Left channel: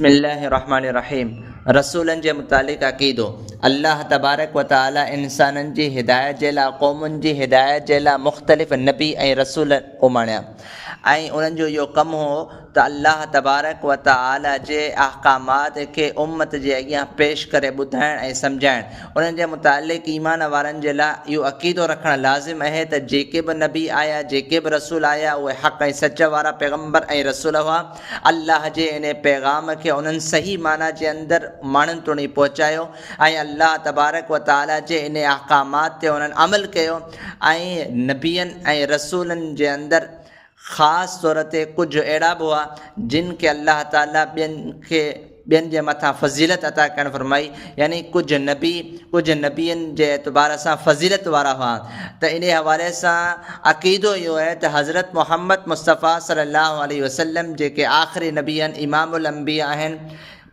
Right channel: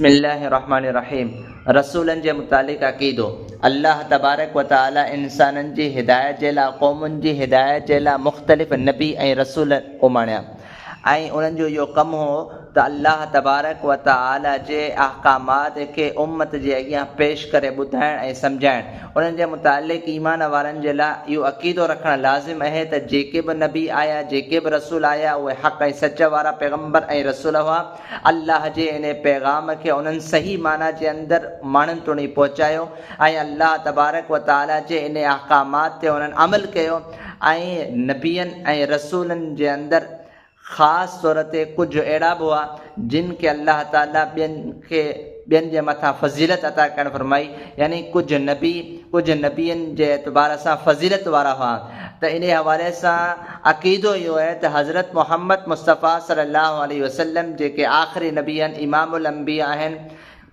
बिस्मिल्लाहिर्रहमानिर्रहीम। रसूलनि जे मुतालिक़ अक़ीदो। अल्लाह तबारक व तआला इंसाननि जी हिदायत जे लाइ, क़ौमुनि जी हिदायत जे लाइ मुख़्तलिफ़ नबी ऐं रसूल उमाणिया ऐं उन्हनि जो इहो कमु हो त अल्लाह तबारक व तआला जे अहकामात खे उम्मत जे अॻियां पेश करे ॿुधाइण ऐं सम्झाइणु। उन्हनि जे मुतालिक़ ईमान वारनि जे लाइ इहो अक़ीदो रखणु लाज़िम आहे त जेके बि नबी आया, जेके बि रसूल आया, उहे हक़ ऐं सच वारा पैगम्बर ऐं रसूल हुआ। अल्लाह जे इन पैगाम खे उन्हनि सही माना जे अंदरि माण्हुनि ताईं पहुचायो ऐं अल्लाह तबारक व तआला जे इन अहकामात ते उन्हनि अमल कयो ऐं नबियनि ऐं रसूलनि जे अंदरि ख़ासि तौर ते कुझु अहिड़ा बि हुआ जिन खे अल्लाह ताला ॿियनि जे मथां फ़ज़ीलत अता करणु फरमाई, यानी कुझु नबियनि जे एतबार सां फ़ज़ीलत वारा हुआ। त इन हवाले सां अक़ीदो इहो आहे त हज़रत मुहम्मद मुस्तफ़ा सल्लल्लाहु अलैहि वसल्लम जेके आख़िरी नबी आहिनि, इमामुल अंबिया आहिनि,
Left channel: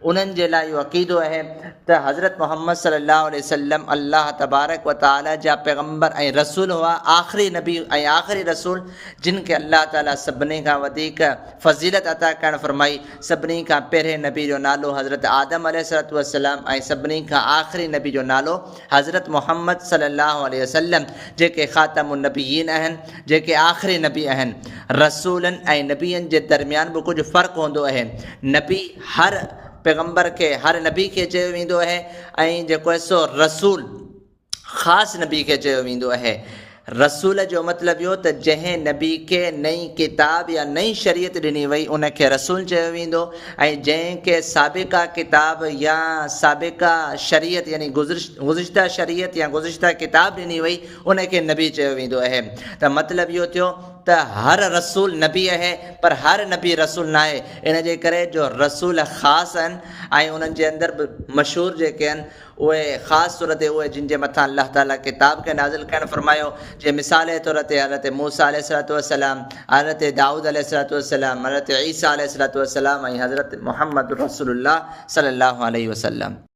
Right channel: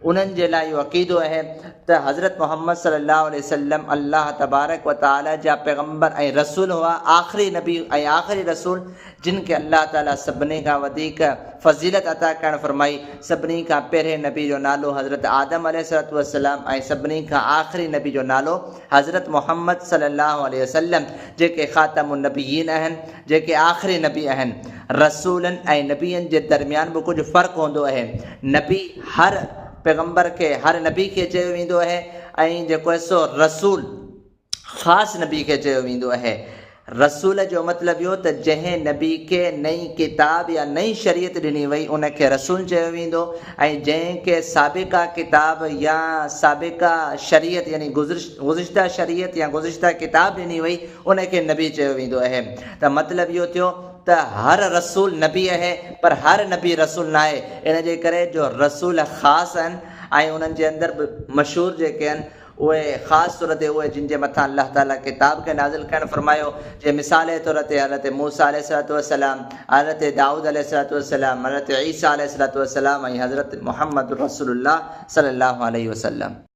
उन्हनि जे लाइ इहो अक़ीदो आहे त हज़रत मुहम्मद सल्लल्लाहु अलैहि वसल्लम अल्लाह तबारक व तआला जा पैगम्बर ऐं रसूल हुआ, आख़िरी नबी ऐं आख़िरी रसूल जिन खे अल्लाह ताला सभिनी खां वधीक फ़ज़ीलत अता करणु फरमाई। सभिनी खां पहिरें नबी जो नालो हज़रत आदम अलैहिस्सलातु वस्सलाम ऐं सभिनी खां आख़िरी नबी जो नालो हज़रत मुहम्मद सल्लल्लाहु अलैहि वसल्लम जेके ख़ातमुन नबिय्यीन आहिनि, जेके आख़िरी नबी आहिनि। रसूलनि ऐं नबियनि जे दरमियान बि कुझु फ़र्क़ु हूंदो आहे। नबी हर पैगम्बर खे, हर नबी खे चयो वेंदो आहे ऐं जेको आहे सो रसूल ख़ासि नबी खे चयो वेंदो आहे। रसूल जो मतिलबु इहो त जंहिं नबी खे नई किताब या नई शरीयत ॾिनी वई उनखे रसूल चयो वेंदो ऐं जंहिंखे साबिक़ा किताब या साबिक़ा शरीयत यानी गुज़िश्ता शरीयत या गुज़िश्ता किताब ॾिनी वई उनखे नबी चयो वेंदो आहे। त मतिलबु इहो थियो त हर रसूल नबी आहे पर हर नबी रसूल न आहे। इन जे करे जो रसूल ख़ासि आहिनि ऐं उन्हनि जे अंदरि बि मशहूरु जेके आहिनि उहे ख़ासि तौर ते उहे जिन जे मथां अल्लाह ताला किताब खे नाज़िल करणु फरमायो। जे मिसाल जे तौर ते हज़रत मूसा अलैहिस्सलातु वस्सलाम, हज़रत दाऊद अलैहिस्सलातु वस्सलाम, हज़रत ईसा अलैहिस्सलातु वस्सलाम ऐं हज़रत मुहम्मद रसूलुल्लाह सल्लल्लाहु अलैहि वसल्लम।